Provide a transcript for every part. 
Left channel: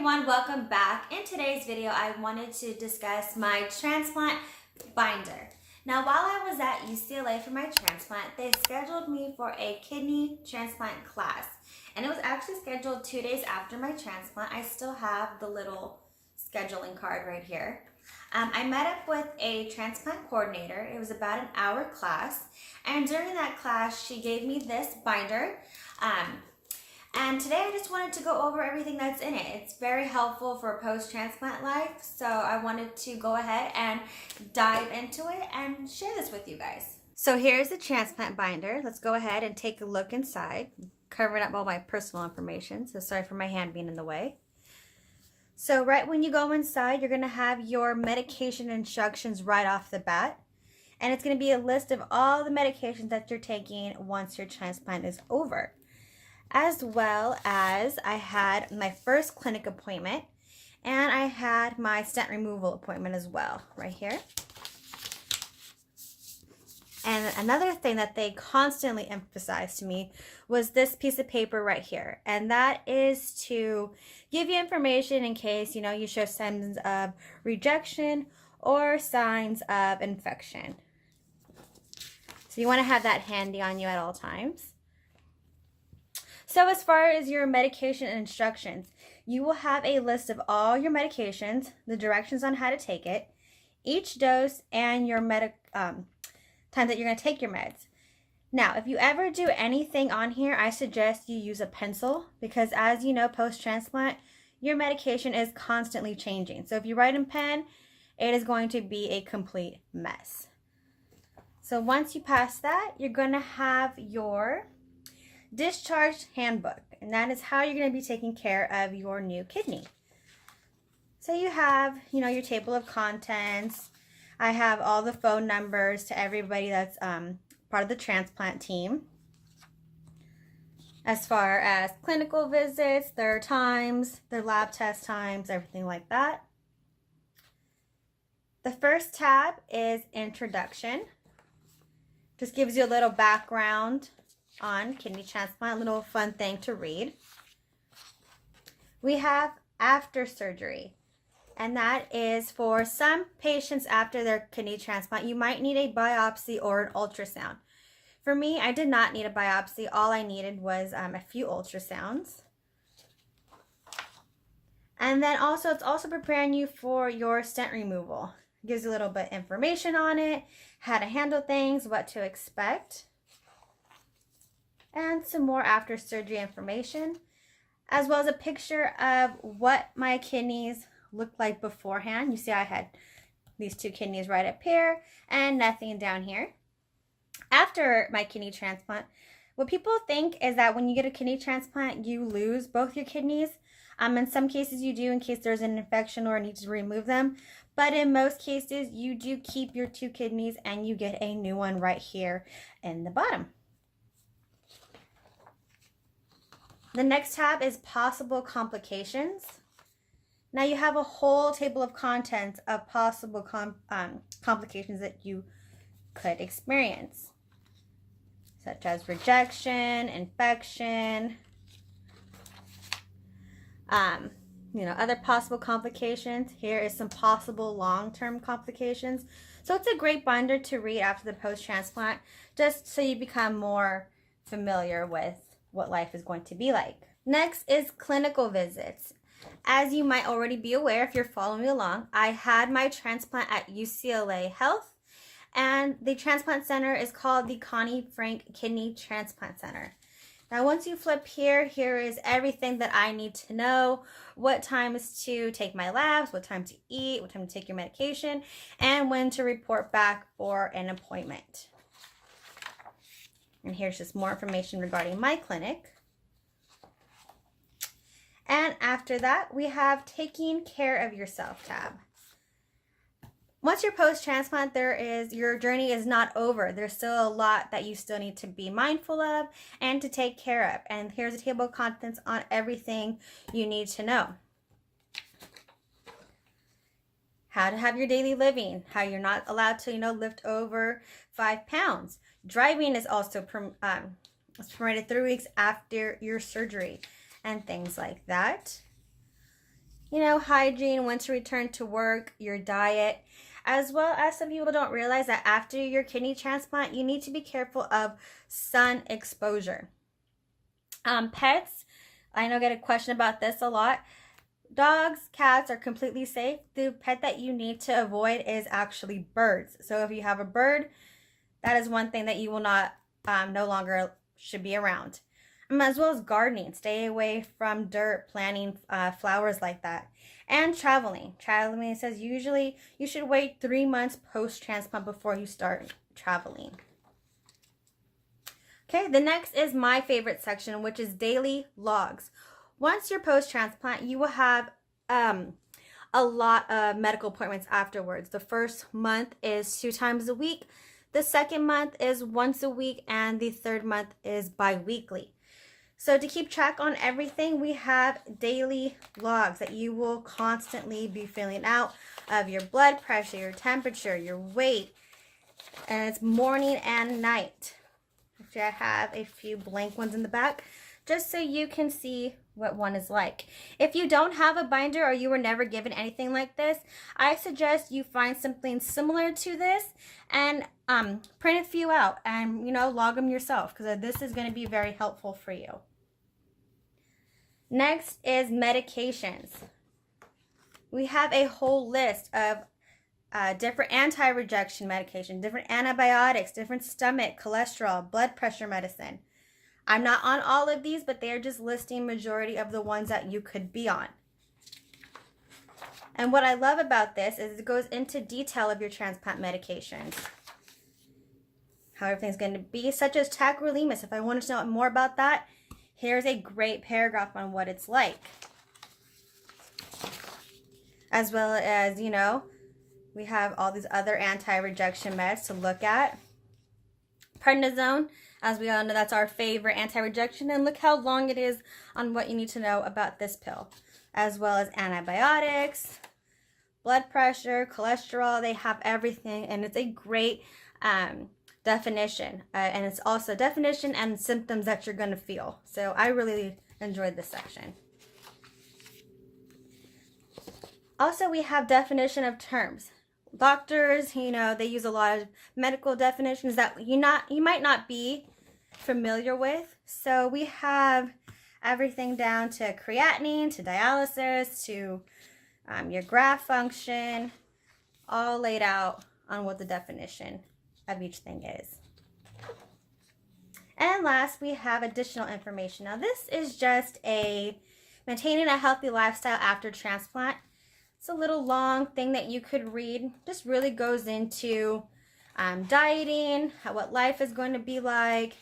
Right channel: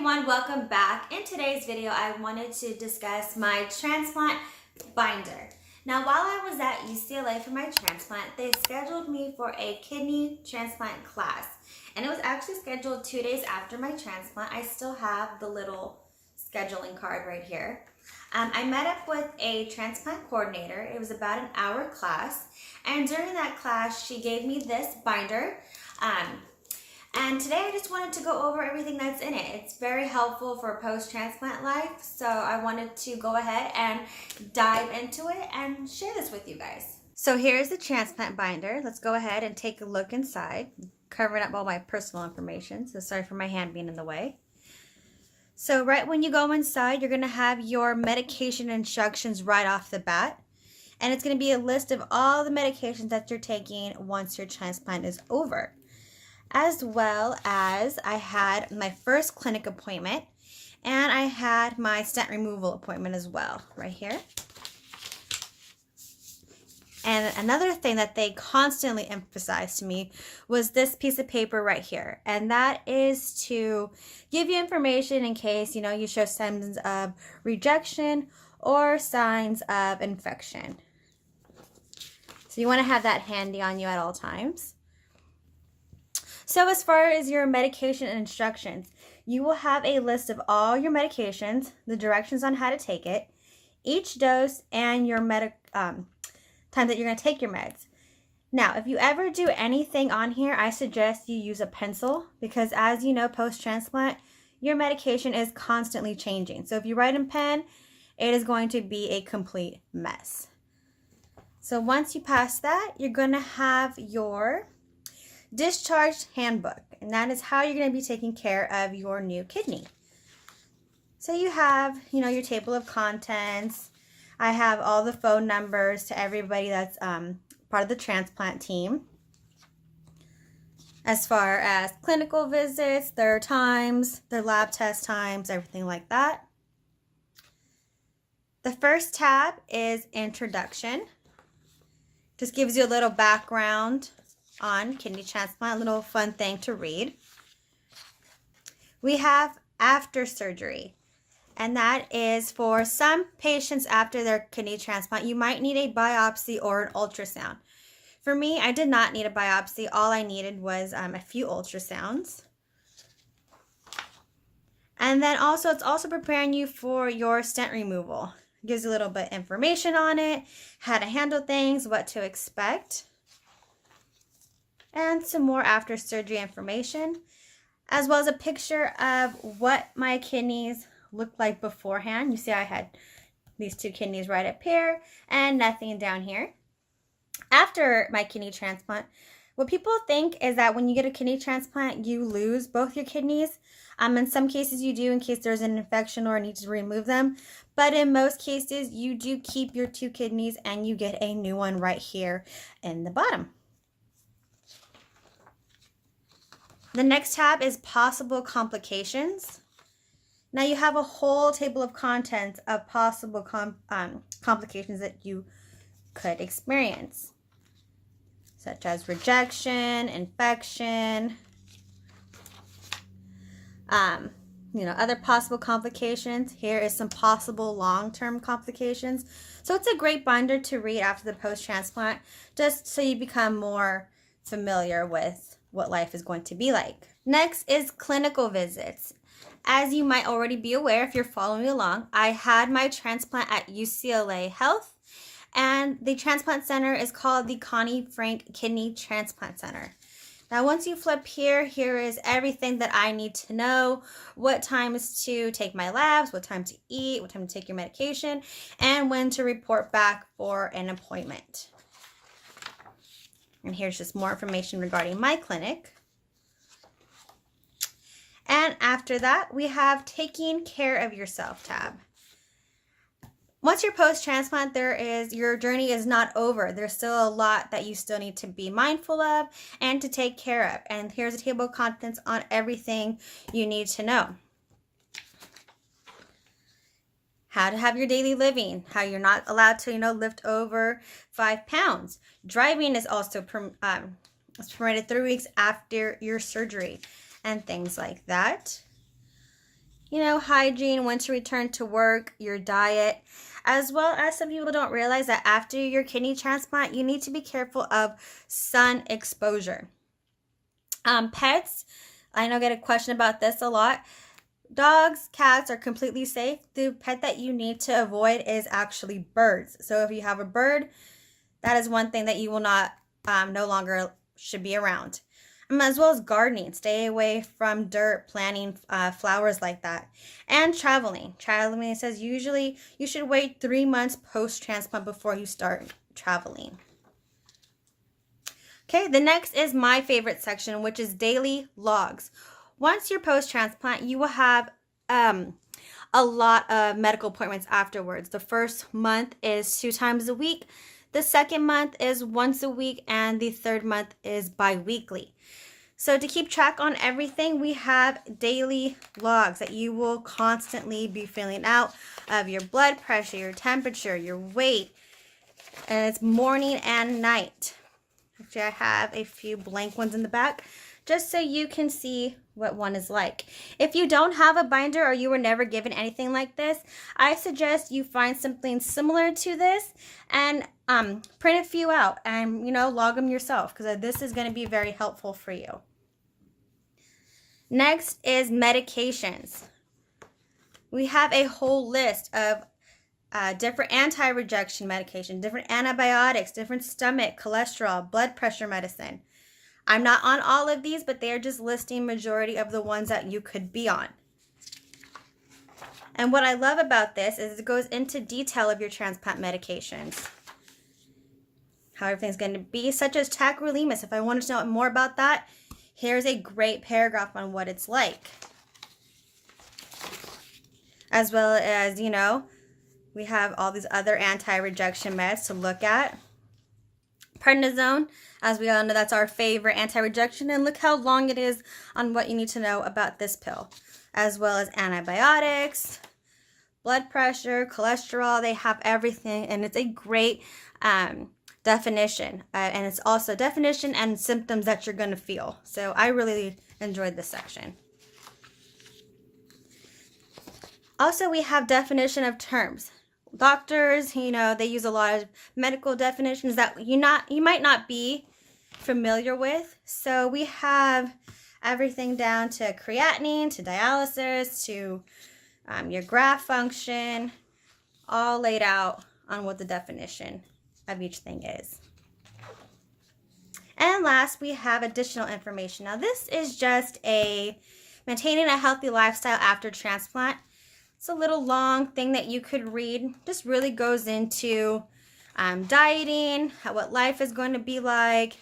everyone, welcome back. In today's video, I wanted to discuss my transplant binder. Now, while I was at UCLA for my transplant, they scheduled me for a kidney transplant class. And it was actually scheduled 2 days after my transplant. I still have the little scheduling card right here. I met up with a transplant coordinator. It was about an hour class. And during that class, she gave me this binder. And today I just wanted to go over everything that's in it. It's very helpful for post-transplant life, so I wanted to go ahead and dive into it and share this with you guys. So here's the transplant binder. Let's go ahead and take a look inside. Covering up all my personal information, so sorry for my hand being in the way. So right when you go inside, you're going to have your medication instructions right off the bat. And it's going to be a list of all the medications that you're taking once your transplant is over. As well as I had my first clinic appointment and I had my stent removal appointment as well, right here. And another thing that they constantly emphasized to me was this piece of paper right here. And that is to give you information in case, you show signs of rejection or signs of infection. So you want to have that handy on you at all times. So as far as your medication instructions, you will have a list of all your medications, the directions on how to take it, each dose, and your time that you're going to take your meds. Now, if you ever do anything on here, I suggest you use a pencil because as you know, post-transplant, your medication is constantly changing. So if you write in pen, it is going to be a complete mess. So once you pass that, you're going to have your discharged handbook, and that is how you're going to be taking care of your new kidney. So you have, your table of contents. I have all the phone numbers to everybody that's part of the transplant team. As far as clinical visits, their times, their lab test times, everything like that. The first tab is Introduction. Just gives you a little background on kidney transplant, a little fun thing to read. We have After Surgery, and that is for some patients after their kidney transplant, you might need a biopsy or an ultrasound. For me, I did not need a biopsy. All I needed was a few ultrasounds. And then also, it's also preparing you for your stent removal. It gives a little bit of information on it, how to handle things, what to expect, and some more after surgery information, as well as a picture of what my kidneys looked like beforehand. You see I had these two kidneys right up here and nothing down here. After my kidney transplant, what people think is that when you get a kidney transplant, you lose both your kidneys. In some cases you do in case there's an infection or need to remove them. But in most cases, you do keep your two kidneys and you get a new one right here in the bottom. The next tab is Possible Complications. Now you have a whole table of contents of possible complications that you could experience, such as rejection, infection, other possible complications. Here is some possible long-term complications. So it's a great binder to read after the post-transplant, just so you become more familiar with what life is going to be like. Next is clinical visits. As you might already be aware if you're following along, I had my transplant at UCLA Health, and the transplant center is called the Connie Frank Kidney Transplant Center. Now once you flip here, here is everything that I need to know: what times to take my labs, what time to eat, what time to take your medication, and when to report back for an appointment. And here's just more information regarding my clinic. And after that, we have Taking Care of Yourself tab. Once you're post-transplant, your journey is not over. There's still a lot that you still need to be mindful of and to take care of. And here's a table of contents on everything you need to know. How to have your daily living, how you're not allowed to, lift over 5 pounds. Driving is also permitted 3 weeks after your surgery and things like that. hygiene, when to return to work, your diet, as well as some people don't realize that after your kidney transplant, you need to be careful of sun exposure. Pets, I know I get a question about this a lot. Dogs, cats are completely safe. The pet that you need to avoid is actually birds. So if you have a bird, that is one thing that you will not, no longer should be around. As well as gardening. Stay away from dirt, planting flowers like that. And traveling. Traveling says usually you should wait 3 months post-transplant before you start traveling. Okay, the next is my favorite section, which is daily logs. Once you're post-transplant, you will have a lot of medical appointments afterwards. The first month is 2 times a week. The second month is once a week, and the third month is bi-weekly. So to keep track on everything, we have daily logs that you will constantly be filling out of your blood pressure, your temperature, your weight. And it's morning and night. Actually, I have a few blank ones in the back just so you can see what one is like. If you don't have a binder or you were never given anything like this, I suggest you find something similar to this and print a few out and, log them yourself, because this is going to be very helpful for you. Next is medications. We have a whole list of different anti-rejection medication, different antibiotics, different stomach, cholesterol, blood pressure medicine. I'm not on all of these, but they are just listing majority of the ones that you could be on. And what I love about this is it goes into detail of your transplant medications. How everything's going to be, such as tacrolimus. If I wanted to know more about that, here's a great paragraph on what it's like. As well as, we have all these other anti-rejection meds to look at. Prednisone, as we all know, that's our favorite anti-rejection, and look how long it is on what you need to know about this pill. As well as antibiotics, blood pressure, cholesterol, they have everything, and it's a great definition. And it's also definition and symptoms that you're going to feel. So I really enjoyed this section. Also, we have definition of terms. Doctors, they use a lot of medical definitions that you might not be familiar with. So we have everything down to creatinine, to dialysis, to your graft function, all laid out on what the definition of each thing is. And last, we have additional information. Now, this is just maintaining a healthy lifestyle after transplant. It's a little long thing that you could read. Just really goes into dieting, what life is going to be like,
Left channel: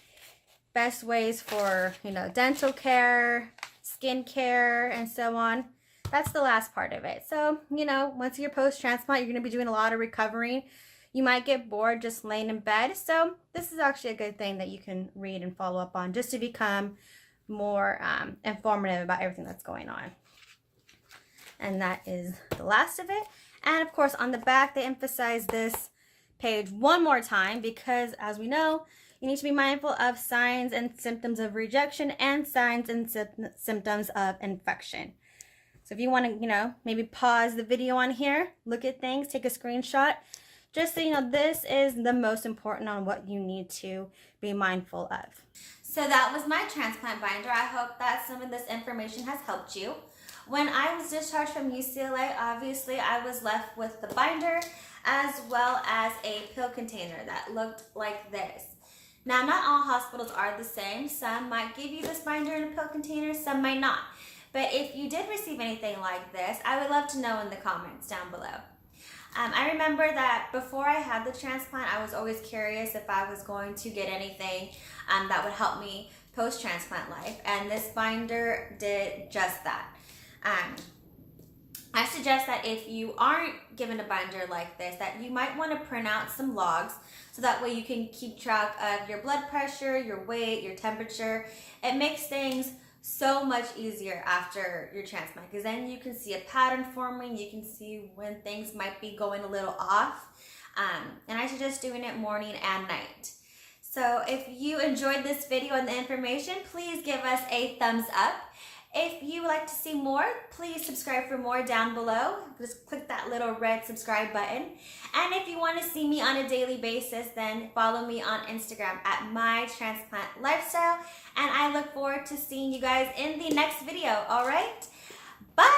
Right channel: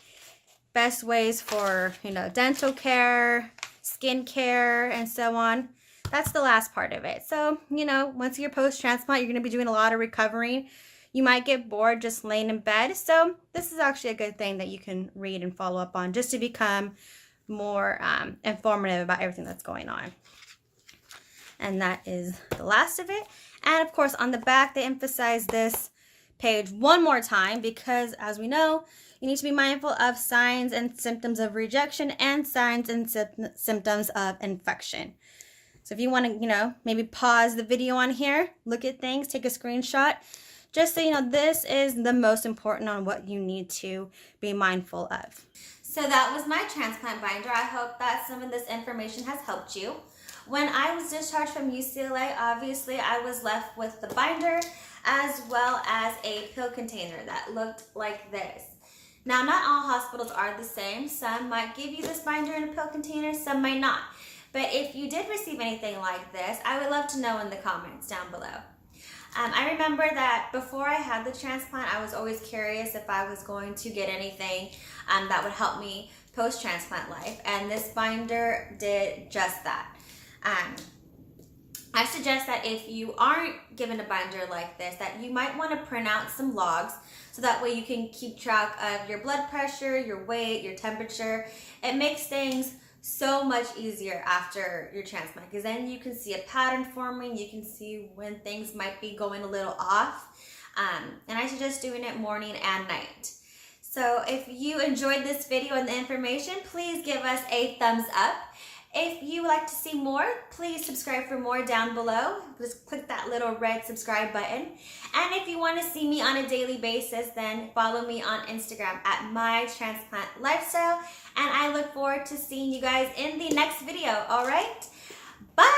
best ways for, dental care, skin care, and so on. That's the last part of it. So, once you're post-transplant, you're going to be doing a lot of recovery. You might get bored just laying in bed. So this is actually a good thing that you can read and follow up on just to become more informative about everything that's going on. And that is the last of it. And of course, on the back, they emphasize this page one more time because, as we know, you need to be mindful of signs and symptoms of rejection and signs and symptoms of infection. So if you want to, maybe pause the video on here, look at things, take a screenshot, just so you know this is the most important on what you need to be mindful of. So that was my transplant binder. I hope that some of this information has helped you. When I was discharged from UCLA, obviously I was left with the binder as well as a pill container that looked like this. Now, not all hospitals are the same. Some might give you this binder in a pill container, some might not. But if you did receive anything like this, I would love to know in the comments down below. I remember that before I had the transplant, I was always curious if I was going to get anything that would help me post-transplant life, and this binder did just that. I suggest that if you aren't given a binder like this, that you might want to print out some logs so that way you can keep track of your blood pressure, your weight, your temperature. It makes things so much easier after your transplant because then you can see a pattern forming, you can see when things might be going a little off. And I suggest doing it morning and night. So if you enjoyed this video and the information, please give us a thumbs up. if you would like to see more, please subscribe for more down below. Just click that little red subscribe button. And if you want to see me on a daily basis, then follow me on Instagram at My Transplant Lifestyle. And I look forward to seeing you guys in the next video. All right? Bye!